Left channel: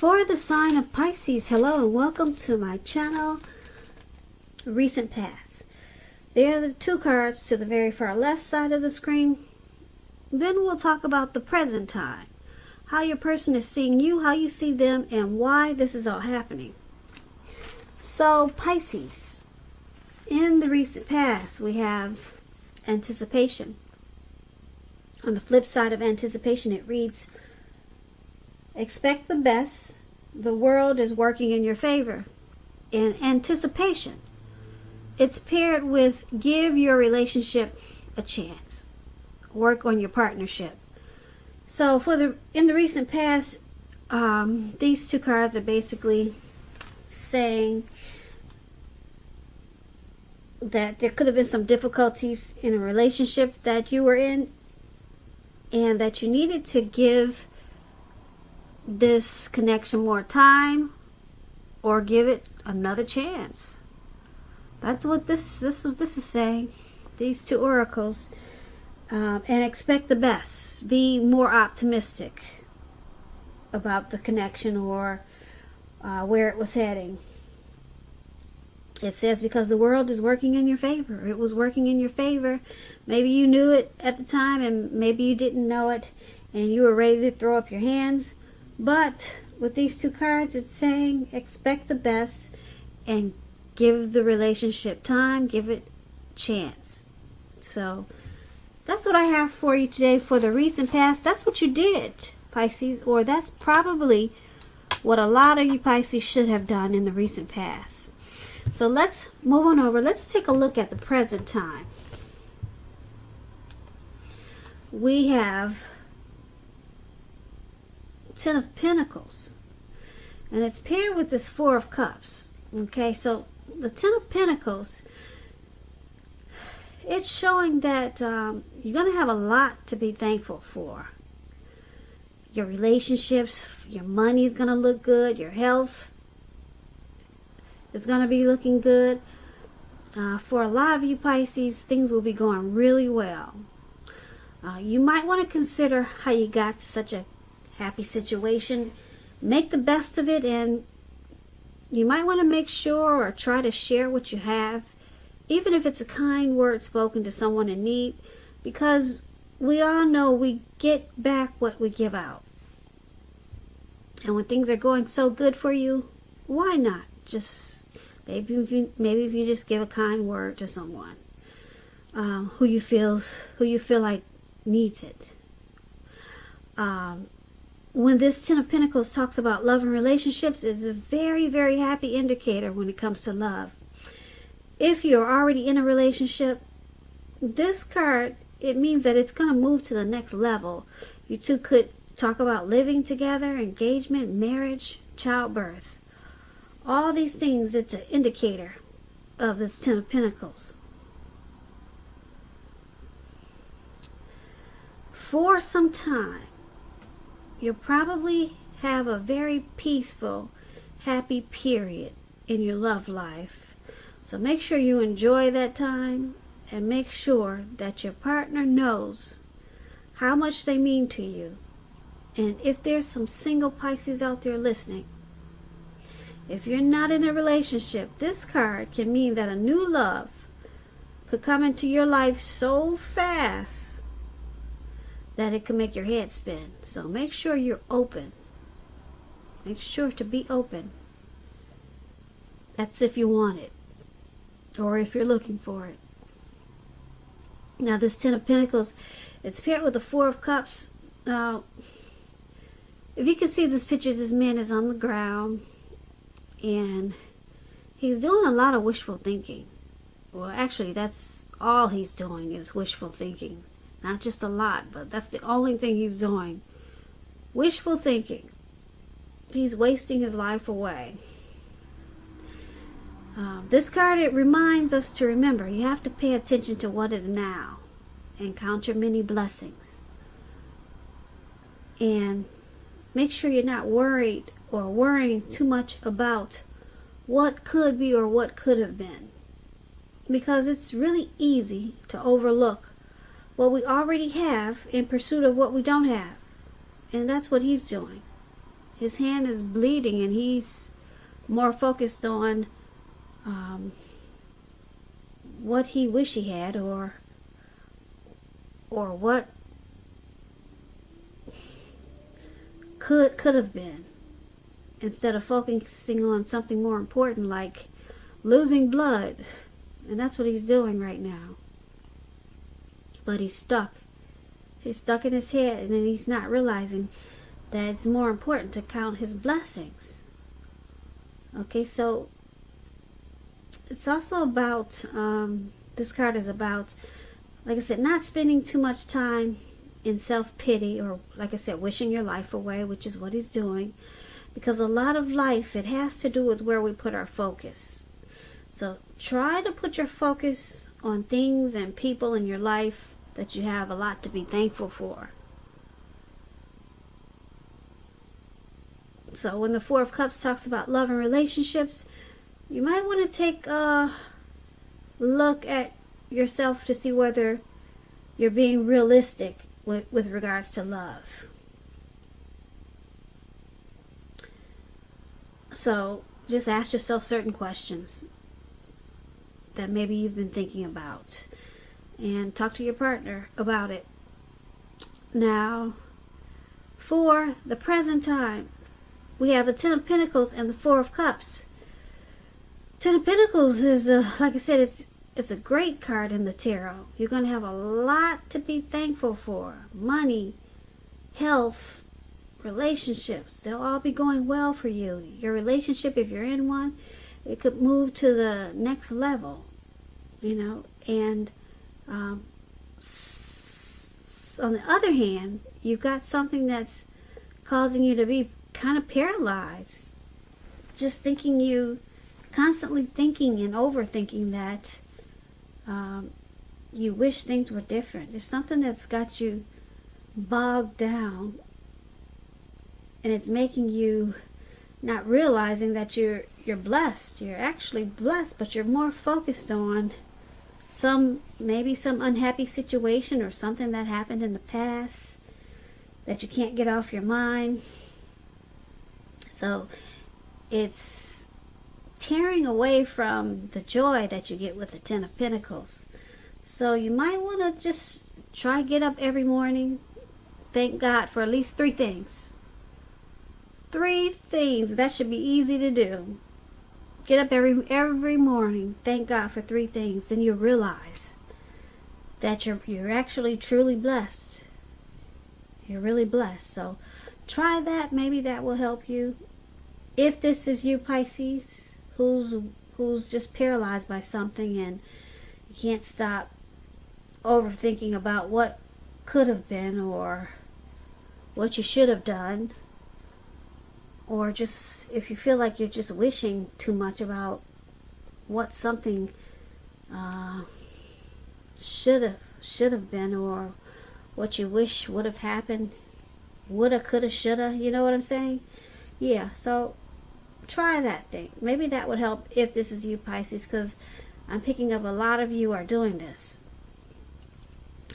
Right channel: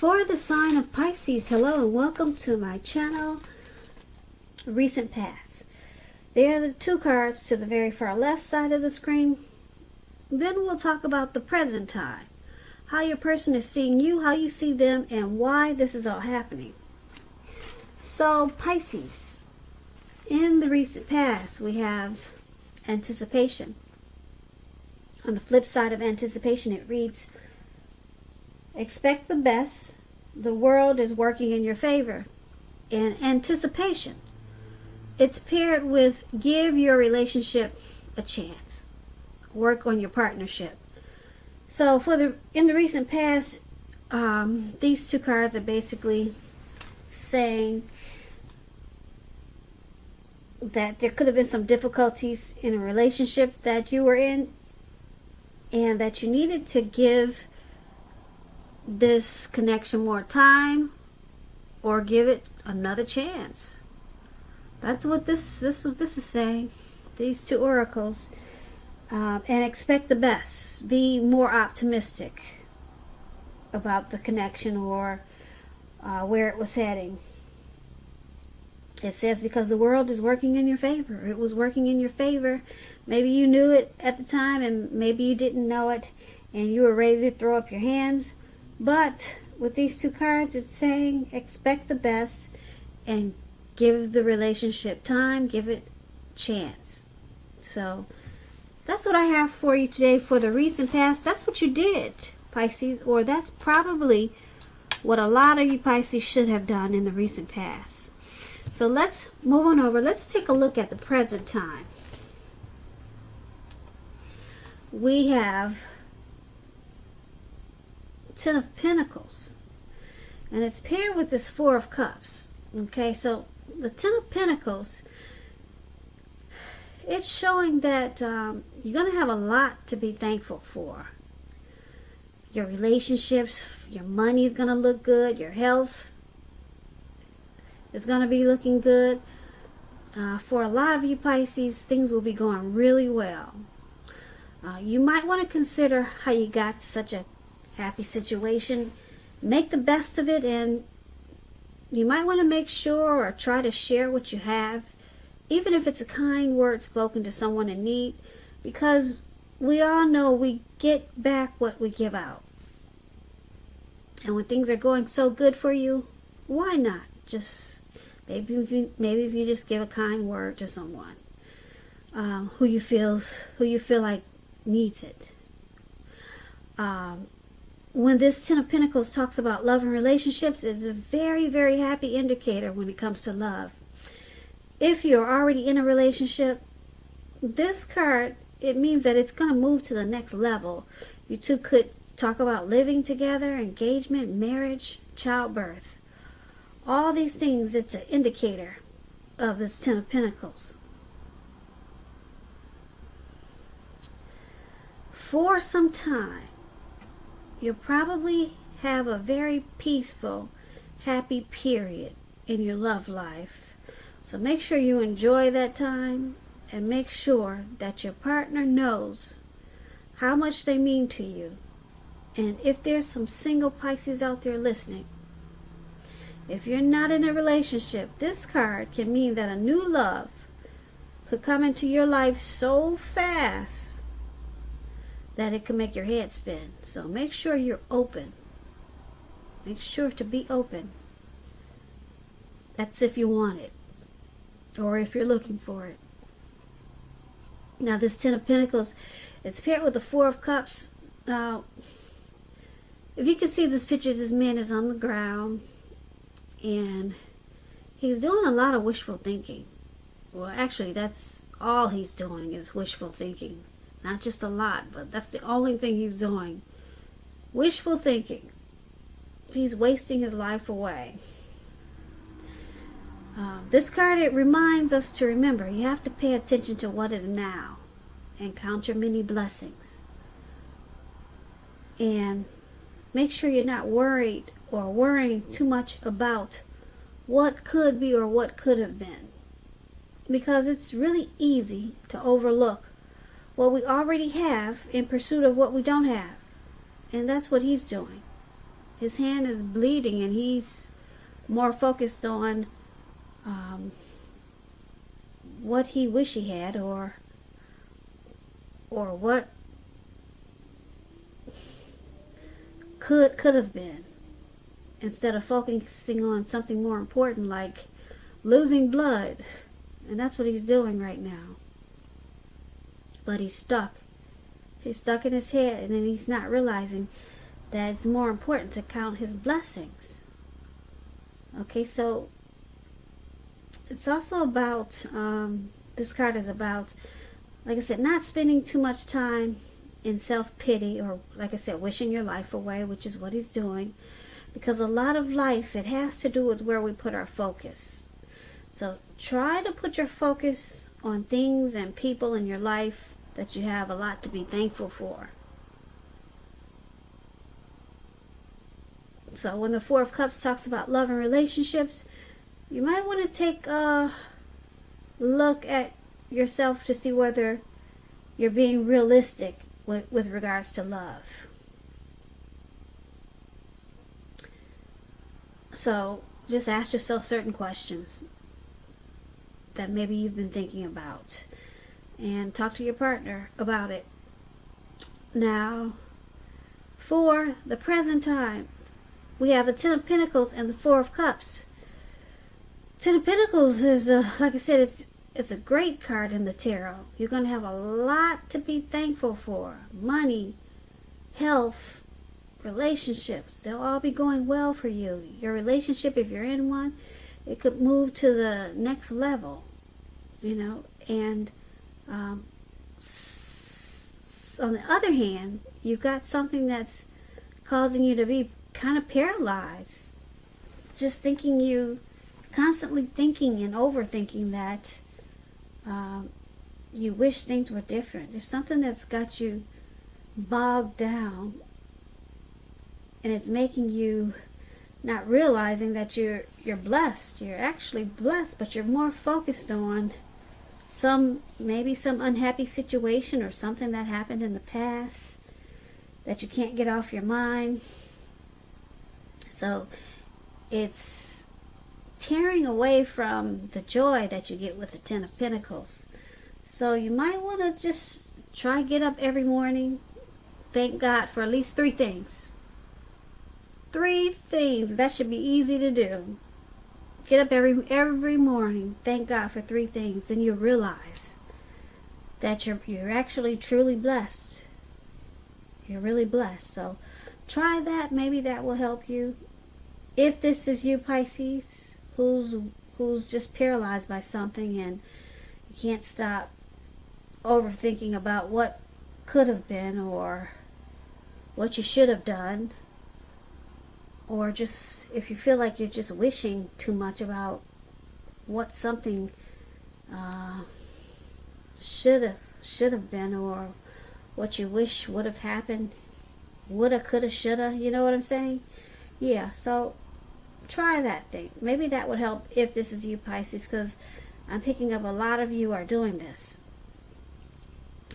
For the sign of Pisces, hello and welcome to my channel, Recent Past. There are the two cards to the very far left side of the screen. Then we'll talk about the present time, how your person is seeing you, how you see them, and why this is all happening. So Pisces, in the recent past, we have anticipation. On the flip side of anticipation, it reads, expect the best. The world is working in your favor. In anticipation, it's paired with give your relationship a chance. Work on your partnership. So in the recent past, these two cards are basically saying that there could have been some difficulties in a relationship that you were in, and that you needed to give this connection more time or give it another chance. That's what this is saying. These two oracles. And expect the best. Be more optimistic about the connection or where it was heading. It says because the world is working in your favor. It was working in your favor. Maybe you knew it at the time and maybe you didn't know it and you were ready to throw up your hands. But with these two cards, it's saying expect the best and give the relationship time, give it a chance. So that's what I have for you today for the recent past. That's what you did, Pisces, or that's probably what a lot of you Pisces should have done in the recent past. So let's move on over. Let's take a look at the present time. We have Ten of Pentacles, and it's paired with this Four of Cups. Okay, so the Ten of Pentacles, it's showing that you're going to have a lot to be thankful for. Your relationships, your money is going to look good, your health is going to be looking good. For a lot of you Pisces, things will be going really well. You might want to consider how you got to such a happy situation. Make the best of it, and you might want to make sure or try to share what you have, even if it's a kind word spoken to someone in need, because we all know we get back what we give out. And when things are going so good for you, why not just maybe if you just give a kind word to someone who you feel like needs it. When this Ten of Pentacles talks about love and relationships, it's a very, very happy indicator when it comes to love. If you're already in a relationship, this card, it means that it's going to move to the next level. You two could talk about living together, engagement, marriage, childbirth. All these things, it's an indicator of this Ten of Pentacles. For some time, you'll probably have a very peaceful, happy period in your love life. So make sure you enjoy that time and make sure that your partner knows how much they mean to you. And if there's some single Pisces out there listening, if you're not in a relationship, this card can mean that a new love could come into your life so fast that it can make your head spin. So make sure you're open. Make sure to be open. That's if you want it, or if you're looking for it. Now this Ten of Pentacles, it's paired with the Four of Cups. If you can see this picture, this man is on the ground and he's doing a lot of wishful thinking. Well, actually, that's all he's doing is wishful thinking. Not just a lot, but that's the only thing he's doing. Wishful thinking. He's wasting his life away. This card, it reminds us to remember, you have to pay attention to what is now and count your many blessings. And make sure you're not worried or worrying too much about what could be or what could have been. Because it's really easy to overlook what we already have in pursuit of what we don't have. And that's what he's doing. His hand is bleeding, and he's more focused on what he wish he had, or what could have been, instead of focusing on something more important like losing blood. And that's what he's doing right now. But he's stuck. He's stuck in his head, and then he's not realizing that it's more important to count his blessings. Okay, so it's also about, this card is about, like I said, not spending too much time in self-pity, or, like I said, wishing your life away, which is what he's doing. Because a lot of life, it has to do with where we put our focus. So try to put your focus on things and people in your life that you have a lot to be thankful for. So when the Four of Cups talks about love and relationships, you might want to take a look at yourself to see whether you're being realistic with regards to love. So just ask yourself certain questions that maybe you've been thinking about, and talk to your partner about it. Now, for the present time, we have the Ten of Pentacles and the Four of Cups. Ten of Pentacles is, like I said, it's a great card in the tarot. You're going to have a lot to be thankful for. Money, health, relationships. They'll all be going well for you. Your relationship, if you're in one, it could move to the next level, and on the other hand, you've got something that's causing you to be kind of paralyzed. Just constantly thinking and overthinking that you wish things were different. There's something that's got you bogged down, and it's making you not realizing that you're blessed. You're actually blessed, but you're more focused on maybe some unhappy situation or something that happened in the past that you can't get off your mind. So it's tearing away from the joy that you get with the Ten of Pentacles. So you might want to just try get up every morning, thank God for at least 3 things. 3 things. That should be easy to do. Get up every morning, thank God for 3 things. Then you realize that you're actually truly blessed. You're really blessed. So try that. Maybe that will help you. If this is you, Pisces, who's just paralyzed by something and you can't stop overthinking about what could have been or what you should have done, or just if you feel like you're just wishing too much about what something should have been, or what you wish would have happened, woulda, coulda, shoulda, you know what I'm saying? Yeah, so try that thing. Maybe that would help if this is you, Pisces, because I'm picking up a lot of you are doing this.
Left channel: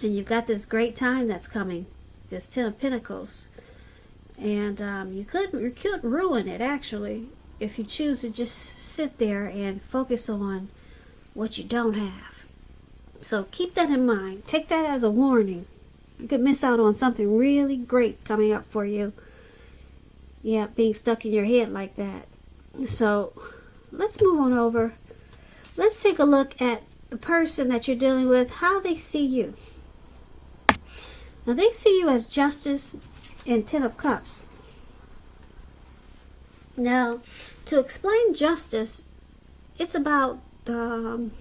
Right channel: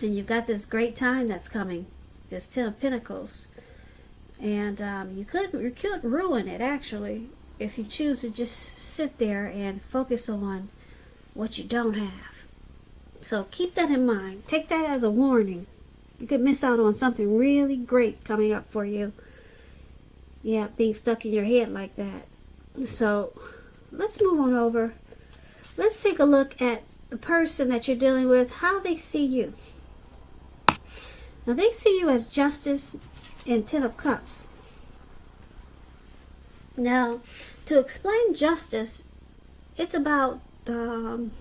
And you've got this great time that's coming, this Ten of Pentacles. And you could ruin it, actually, if you choose to just sit there and focus on what you don't have. So keep that in mind. Take that as a warning. You could miss out on something really great coming up for you. Yeah, being stuck in your head like that. So let's move on over. Let's take a look at the person that you're dealing with, how they see you. Now, they see you as Justice and Ten of Cups. Now, to explain justice, it's about karma,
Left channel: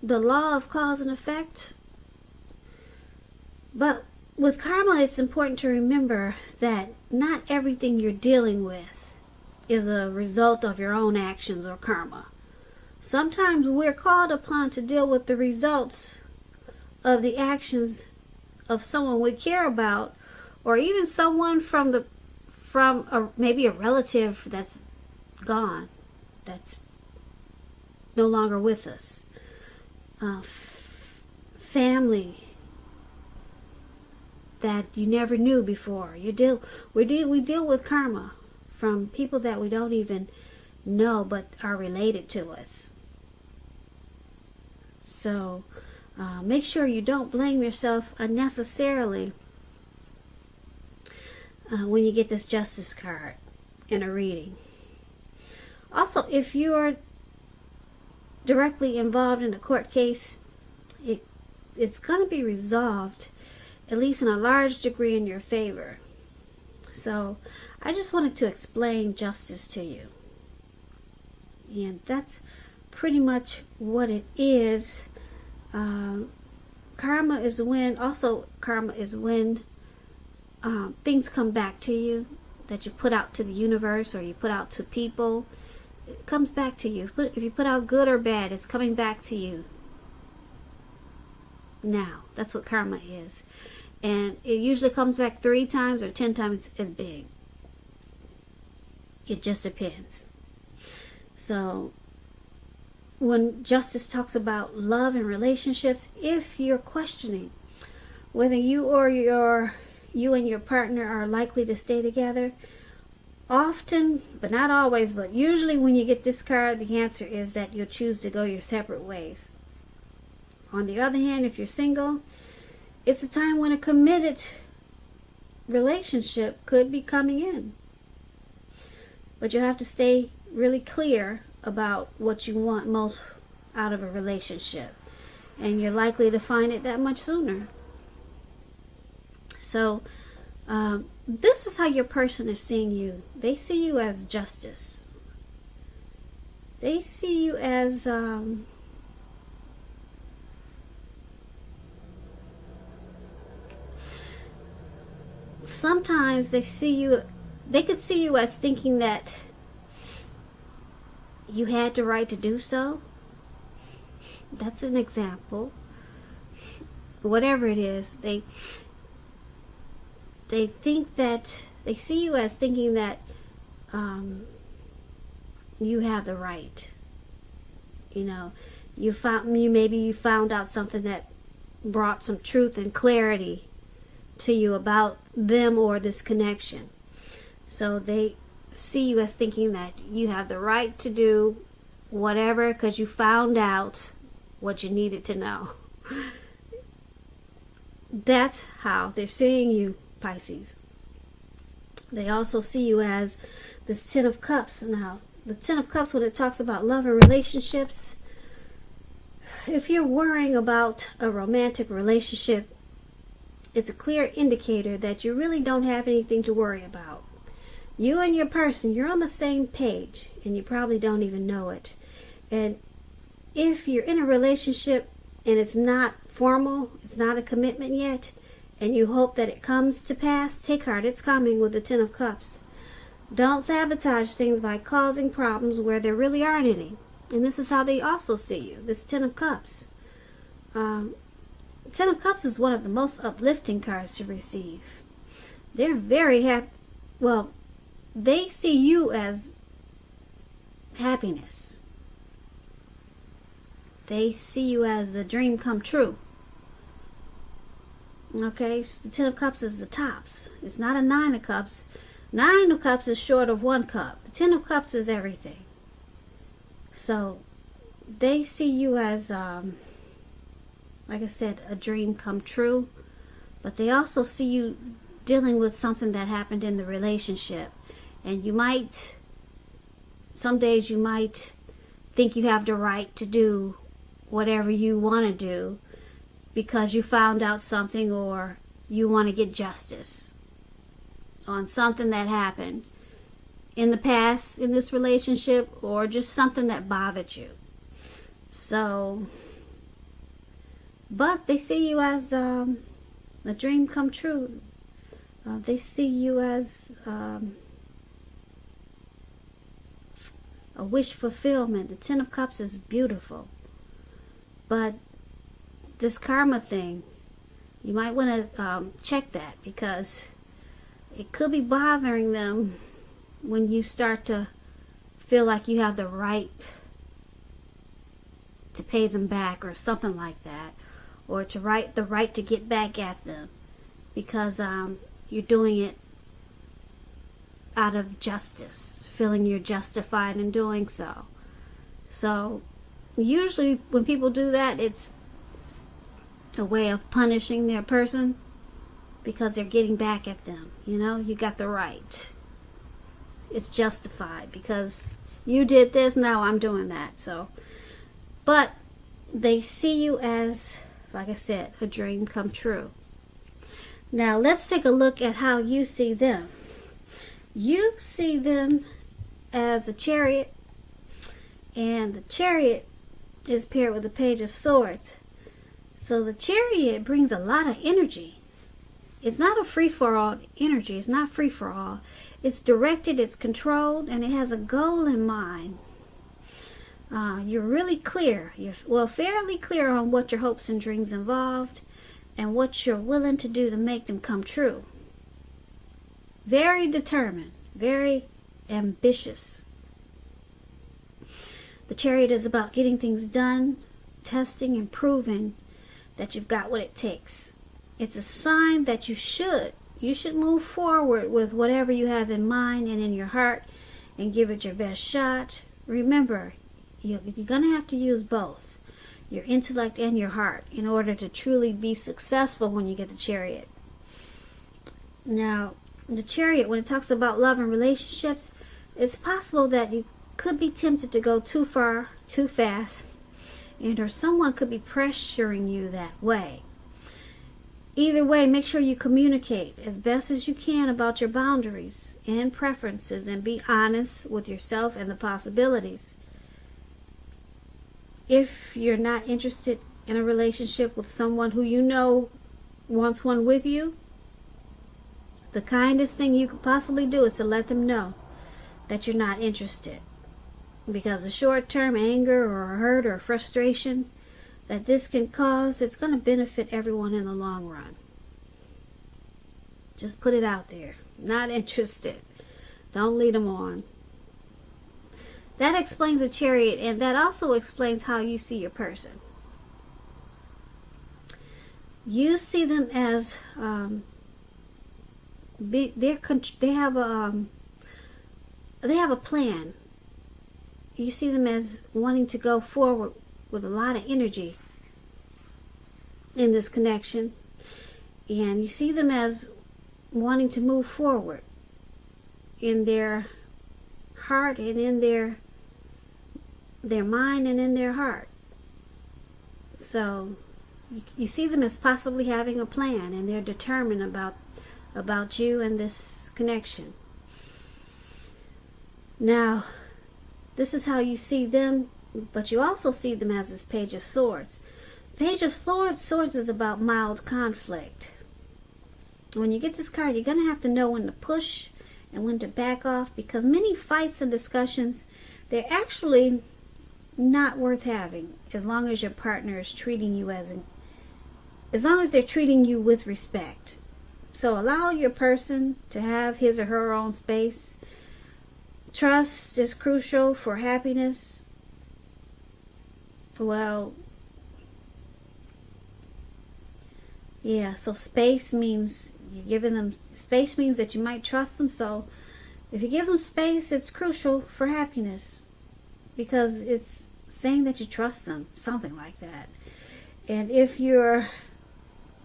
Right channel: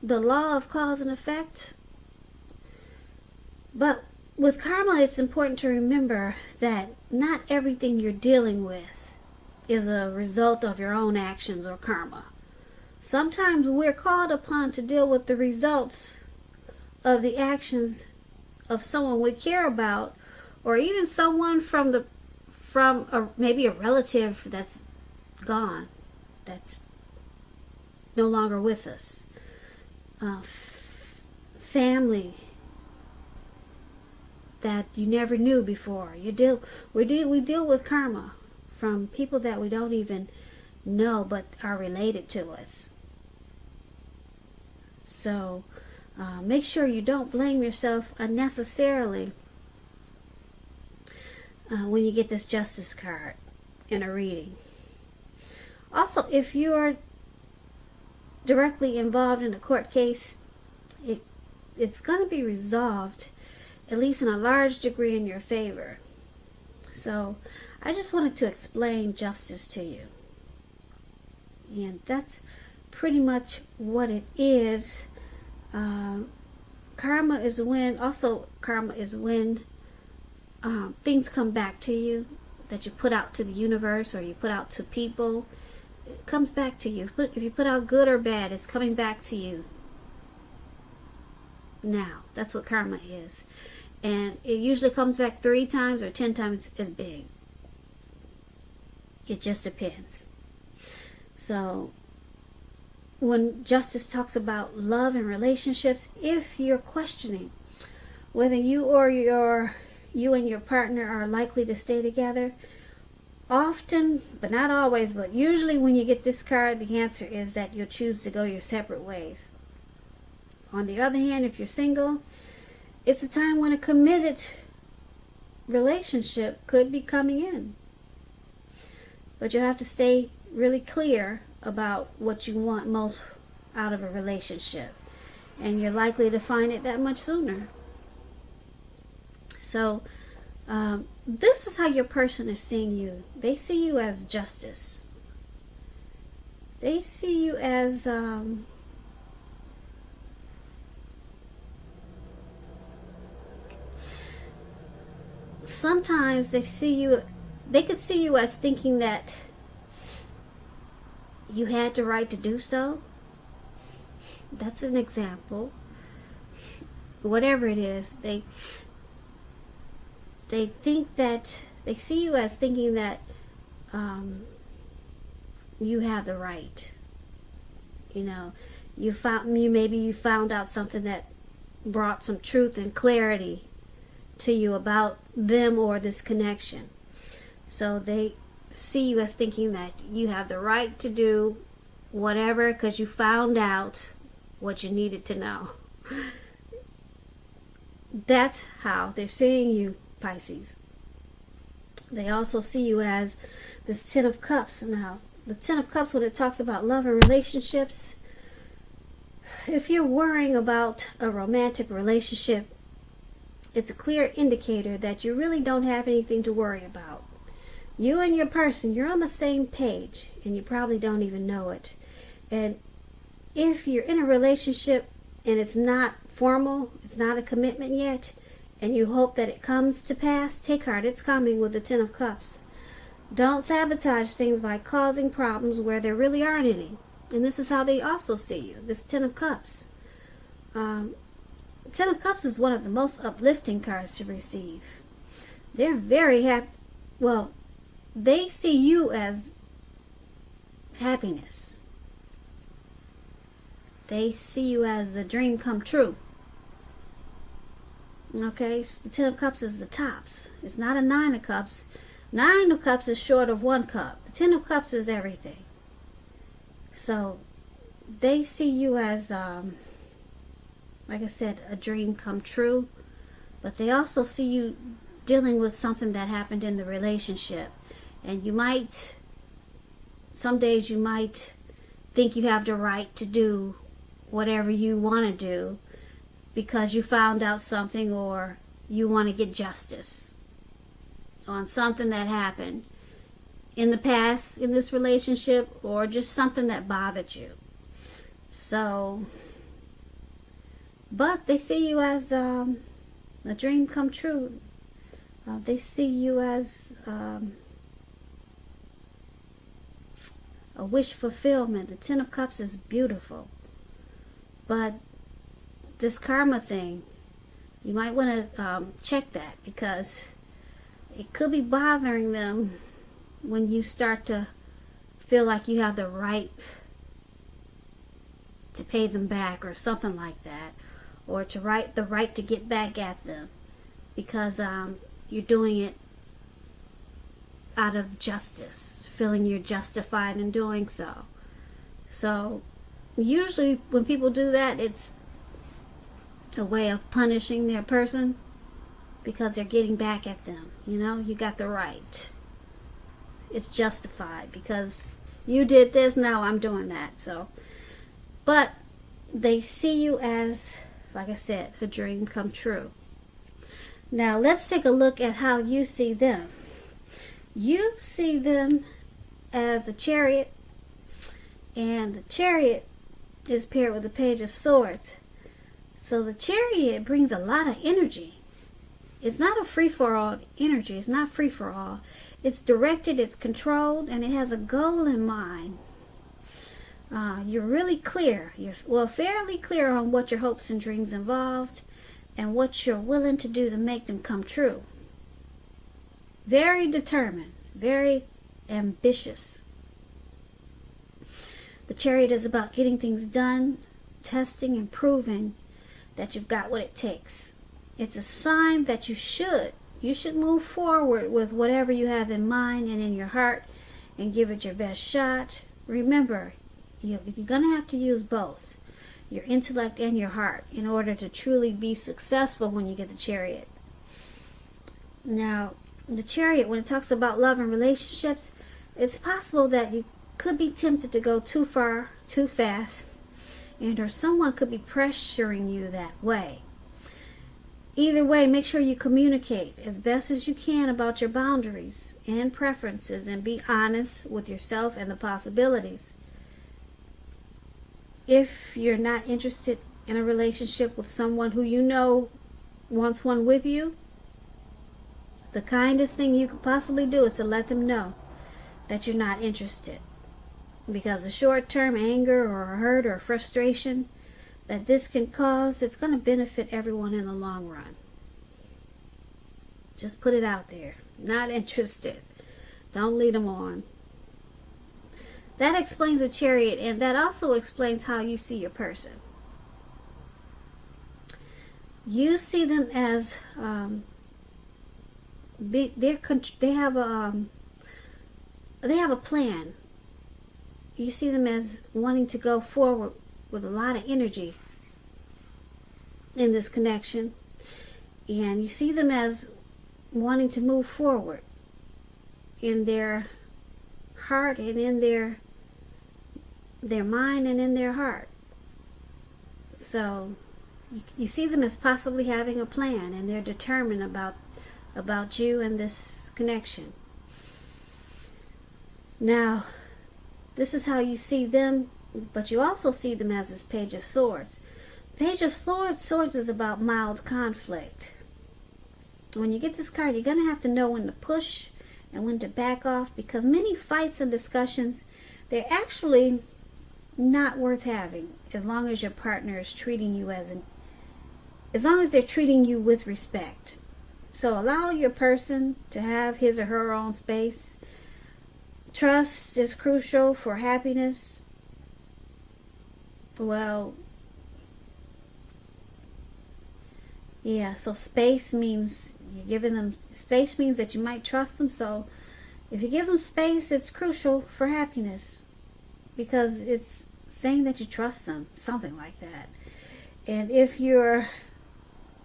the law of cause and effect. But with karma, it's important to remember that not everything you're dealing with is a result of your own actions or karma. Sometimes we're called upon to deal with the results of the actions of someone we care about, or even someone from maybe a relative that's gone, that's no longer with us. Family, that you never knew before. We deal with karma from people that we don't even know but are related to us. So make sure you don't blame yourself unnecessarily when you get this Justice card in a reading. Also, if you are directly involved in a court case, it's going to be resolved, at least in a large degree, in your favor. So I just wanted to explain justice to you. And that's pretty much what it is. Karma is when things come back to you that you put out to the universe or you put out to people. It comes back to you. If you put out good or bad, it's coming back to you. Now, that's what karma is. And it usually comes back 3 times or 10 times as big. It just depends. So, when Justice talks about love and relationships, if you're questioning whether you and your partner are likely to stay together, often, but not always, but usually when you get this card, the answer is that you'll choose to go your separate ways. On the other hand, if you're single, it's a time when a committed relationship could be coming in. But you have to stay really clear about what you want most out of a relationship. And you're likely to find it that much sooner. So, this is how your person is seeing you. They see you as justice. They see you as sometimes they could see you as thinking that you had the right to do so. That's an example. Whatever it is, they think that they see you as thinking that you have the right. You know, maybe you found out something that brought some truth and clarity to you about them or this connection. So they see you as thinking that you have the right to do whatever because you found out what you needed to know. That's how they're seeing you, Pisces. They also see you as this Ten of Cups. Now, the Ten of Cups, when it talks about love and relationships, if you're worrying about a romantic relationship, it's a clear indicator that you really don't have anything to worry about. You and your person, you're on the same page, and you probably don't even know it. And if you're in a relationship and it's not formal, it's not a commitment yet, and you hope that it comes to pass, take heart, it's coming with the Ten of Cups. Don't sabotage things by causing problems where there really aren't any. And this is how they also see you, this Ten of Cups. Ten of Cups is one of the most uplifting cards to receive. They're very happy. Well, they see you as happiness. They see you as a dream come true. Okay, so the Ten of Cups is the tops. It's not a Nine of Cups. Nine of Cups is short of 1 cup. The Ten of Cups is everything. So they see you as, like I said, a dream come true. But they also see you dealing with something that happened in the relationship. And some days you might think you have the right to do whatever you want to do because you found out something or you want to get justice on something that happened in the past in this relationship or just something that bothered you. So, but they see you as a dream come true. They see you as a wish fulfillment. The Ten of Cups is beautiful. But this karma thing, you might want to check that because it could be bothering them when you start to feel like you have the right to pay them back or something like that, or the right to get back at them, because you're doing it out of justice, feeling you're justified in doing so. So usually when people do that, it's a way of punishing their person because they're getting back at them. You know, you got the right. It's justified because you did this, now I'm doing that. So, but they see you as, like I said, a dream come true. Now let's take a look at how you see them. You see them as the Chariot, and the Chariot is paired with the Page of Swords. So the Chariot brings a lot of energy. It's not a free-for-all energy. It's not free-for-all. It's directed, it's controlled, and it has a goal in mind. You're really clear. You're fairly clear on what your hopes and dreams involved and what you're willing to do to make them come true. Very determined, very ambitious. The Chariot is about getting things done, testing and proving that you've got what it takes. It's a sign that you should move forward with whatever you have in mind and in your heart and give it your best shot. Remember, you're going to have to use both, your intellect and your heart, in order to truly be successful when you get the Chariot. Now, the Chariot, when it talks about love and relationships, it's possible that you could be tempted to go too far, too fast, and or someone could be pressuring you that way. Either way, make sure you communicate as best as you can about your boundaries and preferences and be honest with yourself and the possibilities. If you're not interested in a relationship with someone who you know wants one with you, the kindest thing you could possibly do is to let them know that you're not interested. Because the short-term anger or hurt or frustration that this can cause, it's going to benefit everyone in the long run. Just put it out there. Not interested. Don't lead them on. That explains the Chariot, and that also explains how you see your person. You see them as they have a plan. You see them as wanting to go forward with a lot of energy in this connection, and you see them as wanting to move forward in their heart and in their mind and in their heart. So you see them as possibly having a plan, and they're determined about you and this connection. Now, this is how you see them, but you also see them as this Page of Swords. Page of Swords is about mild conflict. When you get this card, you're going to have to know when to push and when to back off, because many fights and discussions, they're actually not worth having as long as your partner is treating you as long as they're treating you with respect. So allow your person to have his or her own space. Trust is crucial for happiness. Well, yeah, so space means you're giving them space means that you might trust them. So if you give them space, it's crucial for happiness because it's saying that you trust them, something like that. And if you're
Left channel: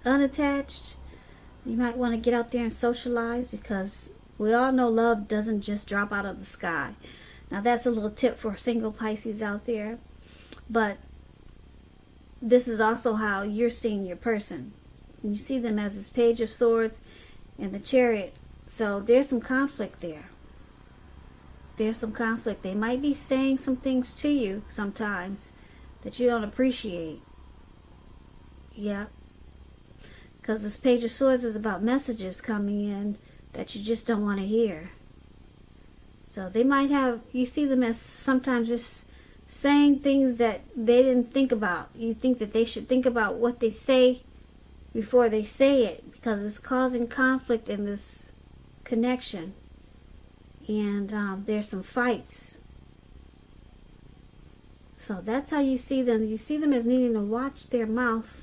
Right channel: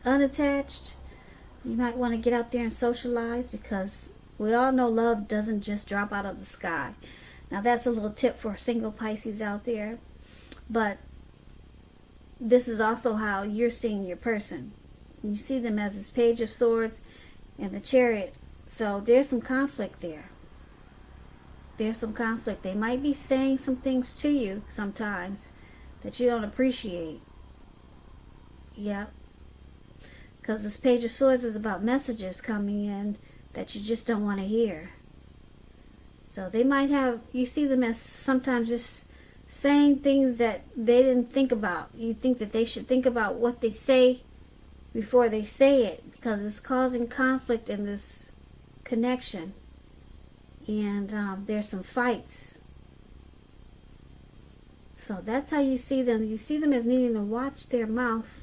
unattached, you might want to get out there and socialize, because we all know love doesn't just drop out of the sky. Now that's a little tip for single Pisces out there, but this is also how you're seeing your person. You see them as this Page of Swords and the Chariot. So there's some conflict there. There's some conflict. They might be saying some things to you sometimes that you don't appreciate. Yeah. Because this Page of Swords is about messages coming in that you just don't want to hear. So they might have, you see them as sometimes just saying things that they didn't think about. You think that they should think about what they say before they say it, because it's causing conflict in this connection. And there's some fights. So that's how you see them. You see them as needing to watch their mouth.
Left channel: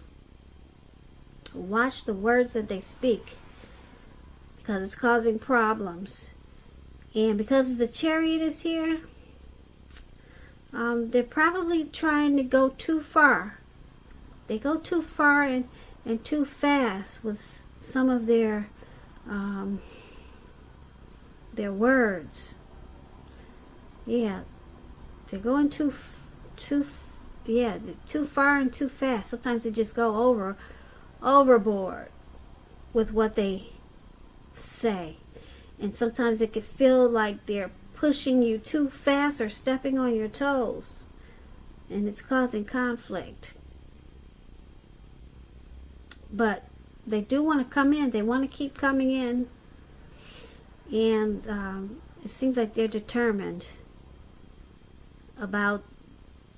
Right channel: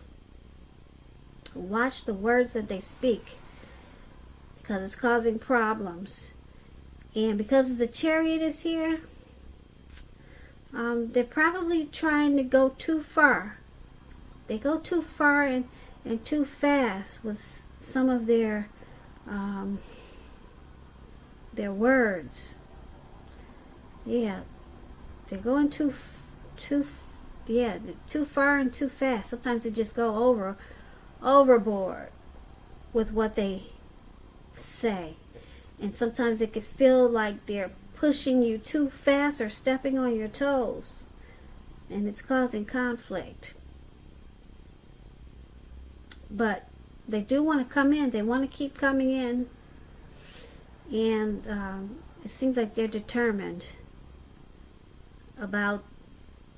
Watch the words that they speak. because it's causing problems. And because the Chariot is here, they're probably trying to go too far. They go too far and too fast with some of their words. Yeah, they're going too far and too fast. Sometimes they just go overboard with what they say. And sometimes it could feel like they're pushing you too fast or stepping on your toes. And it's causing conflict. But they do want to come in. They want to keep coming in. And it seems like they're determined about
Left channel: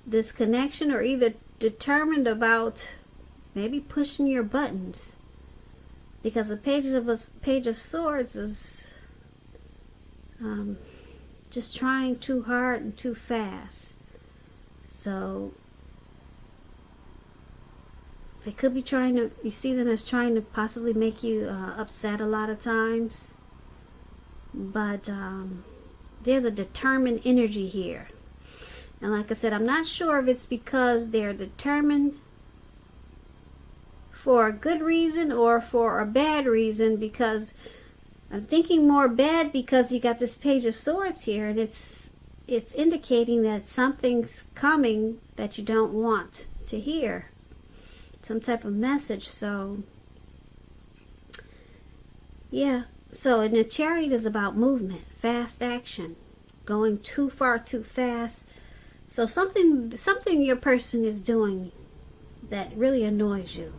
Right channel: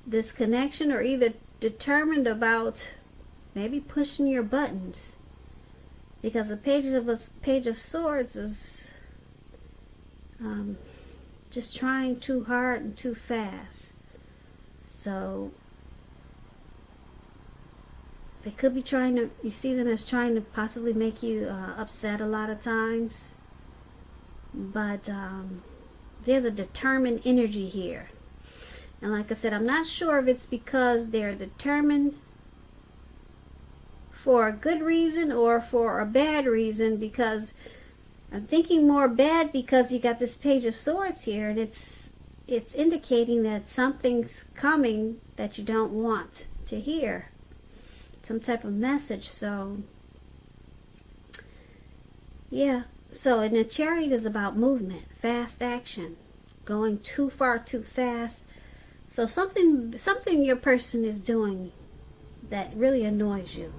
this connection, or either determined about maybe pushing your buttons. Because the Page of Swords is just trying too hard and too fast. So they could be trying to, you see them as trying to possibly make you upset a lot of times. But there's a determined energy here. And like I said, I'm not sure if it's because they're determined for a good reason or for a bad reason, because I'm thinking more bad because you got this Page of Swords here, and it's indicating that something's coming that you don't want to hear. Some type of message. So yeah. So, and the Chariot is about movement, fast action, going too far too fast. So something your person is doing that really annoys you.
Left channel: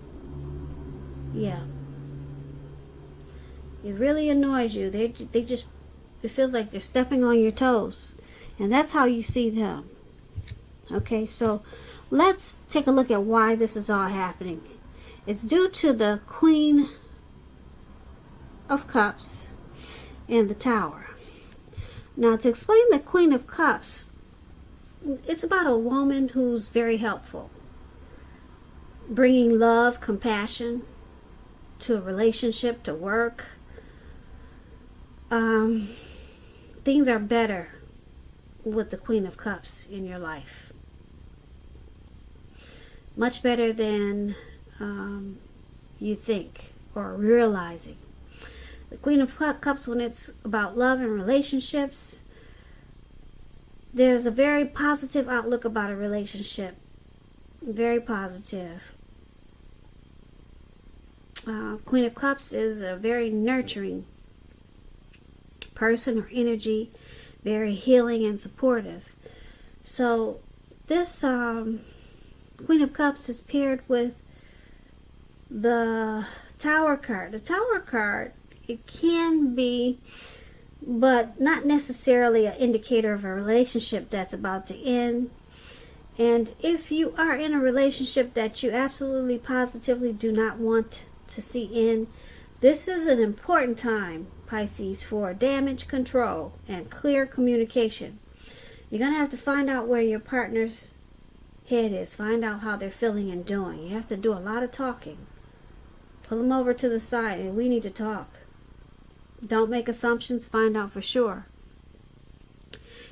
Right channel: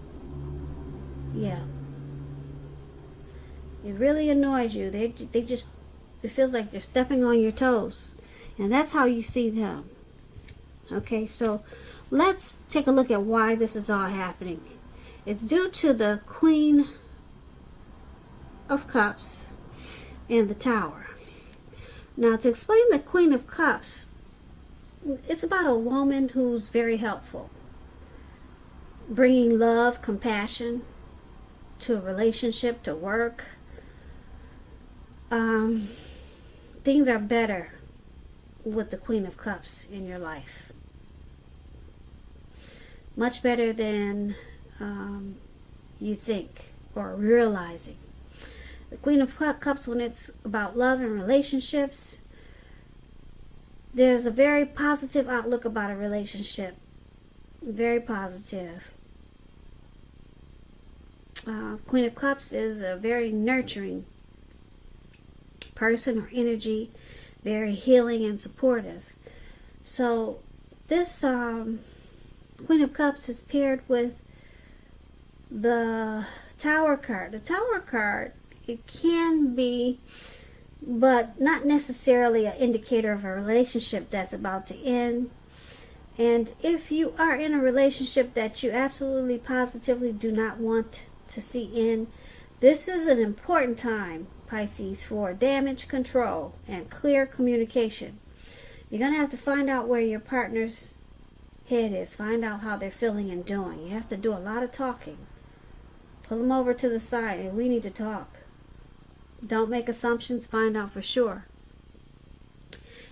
Yeah. It really annoys you. They just, it feels like they're stepping on your toes. And that's how you see them. Okay, so let's take a look at why this is all happening. It's due to the Queen of Cups and the Tower. Now, to explain the Queen of Cups, it's about a woman who's very helpful, bringing love, compassion to a relationship, to work. Things are better with the Queen of Cups in your life. Much better than you think or realizing. The Queen of Cups, when it's about love and relationships, there's a very positive outlook about a relationship. Very positive. Queen of Cups is a very nurturing person or energy, very healing and supportive. So this Queen of Cups is paired with the Tower card. The Tower card, it can be, but not necessarily an indicator of a relationship that's about to end. And if you are in a relationship that you absolutely positively do not want to see end, this is an important time, Pisces, for damage control and clear communication. You're going to have to find out where your partner's head is. Find out how they're feeling and doing. You have to do a lot of talking. Pull them over to the side and we need to talk. Don't make assumptions. Find out for sure.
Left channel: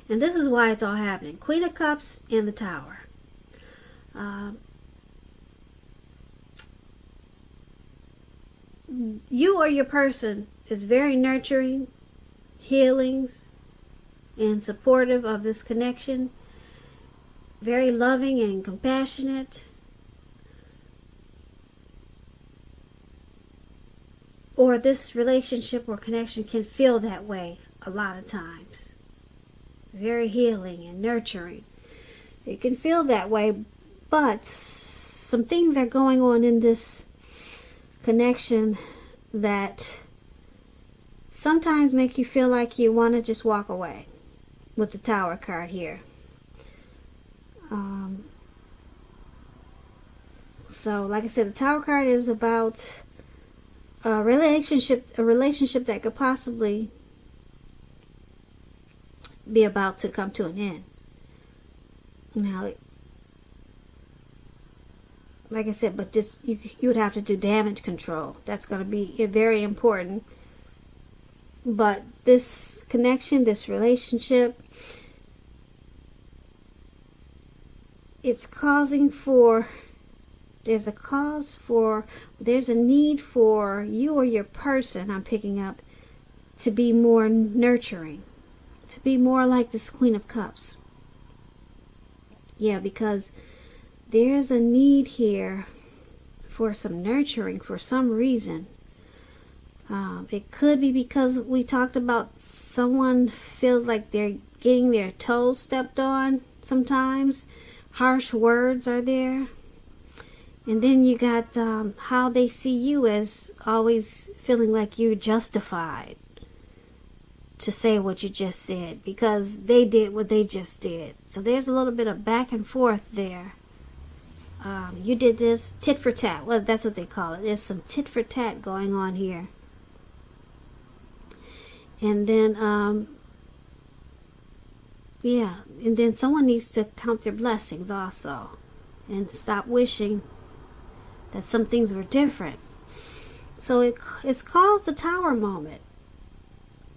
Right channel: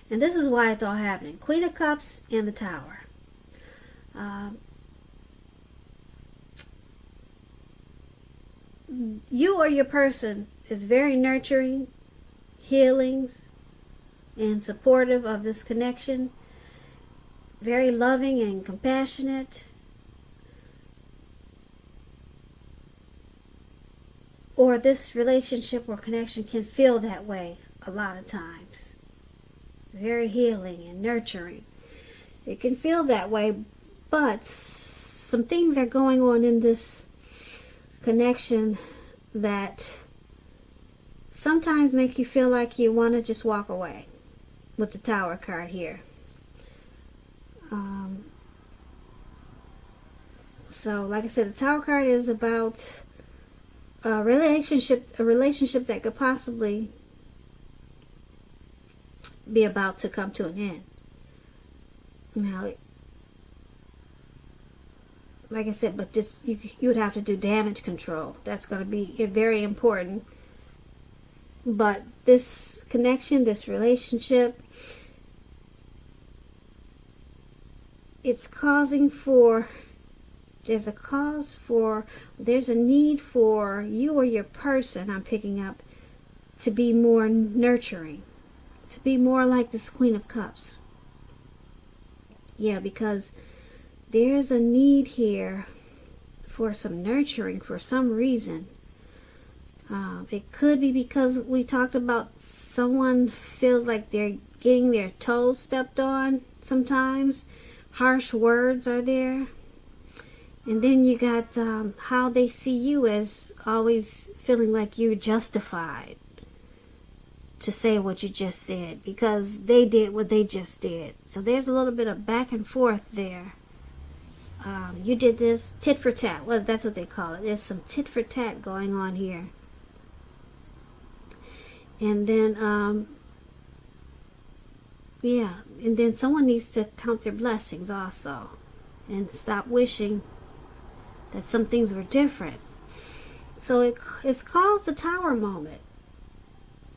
And this is why it's all happening. Queen of Cups and the Tower. You or your person is very nurturing, healing, and supportive of this connection. Very loving and compassionate. Or this relationship or connection can feel that way a lot of times. Very healing and nurturing. It can feel that way, but some things are going on in this connection that sometimes make you feel like you want to just walk away with the Tower card here. So, like I said, the Tower card is about a relationship that could possibly be about to come to an end. Now, like I said, but just you would have to do damage control. That's going to be very important. But this connection, this relationship, it's causing for, there's a need for you or your person, I'm picking up, to be more nurturing, to be more like this Queen of Cups. Yeah, because there's a need here for some nurturing for some reason. It could be because we talked about someone feels like they're getting their toes stepped on sometimes. Harsh words are there. And then you got how they see you as always feeling like you're justified to say what you just said because they did what they just did. So there's a little bit of back and forth there. You did this, tit for tat. Well, that's what they call it. There's some tit for tat going on here. And then, yeah, and then someone needs to count their blessings also and stop wishing that some things were different. So it's called the Tower moment.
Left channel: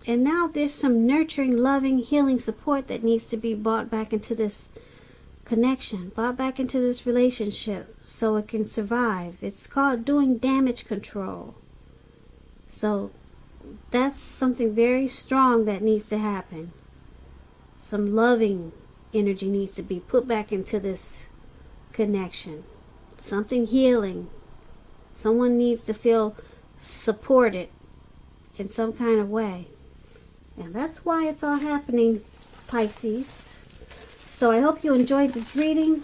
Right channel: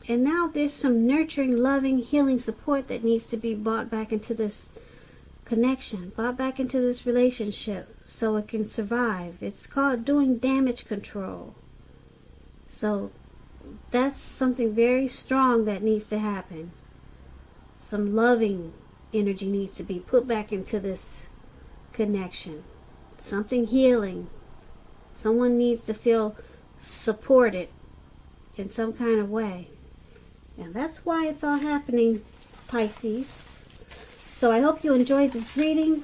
And now there's some nurturing, loving, healing support that needs to be brought back into this connection, brought back into this relationship so it can survive. It's called doing damage control. So that's something very strong that needs to happen. Some loving energy needs to be put back into this connection. Something healing. Someone needs to feel supported in some kind of way. And that's why it's all happening, Pisces. So I hope you enjoyed this reading.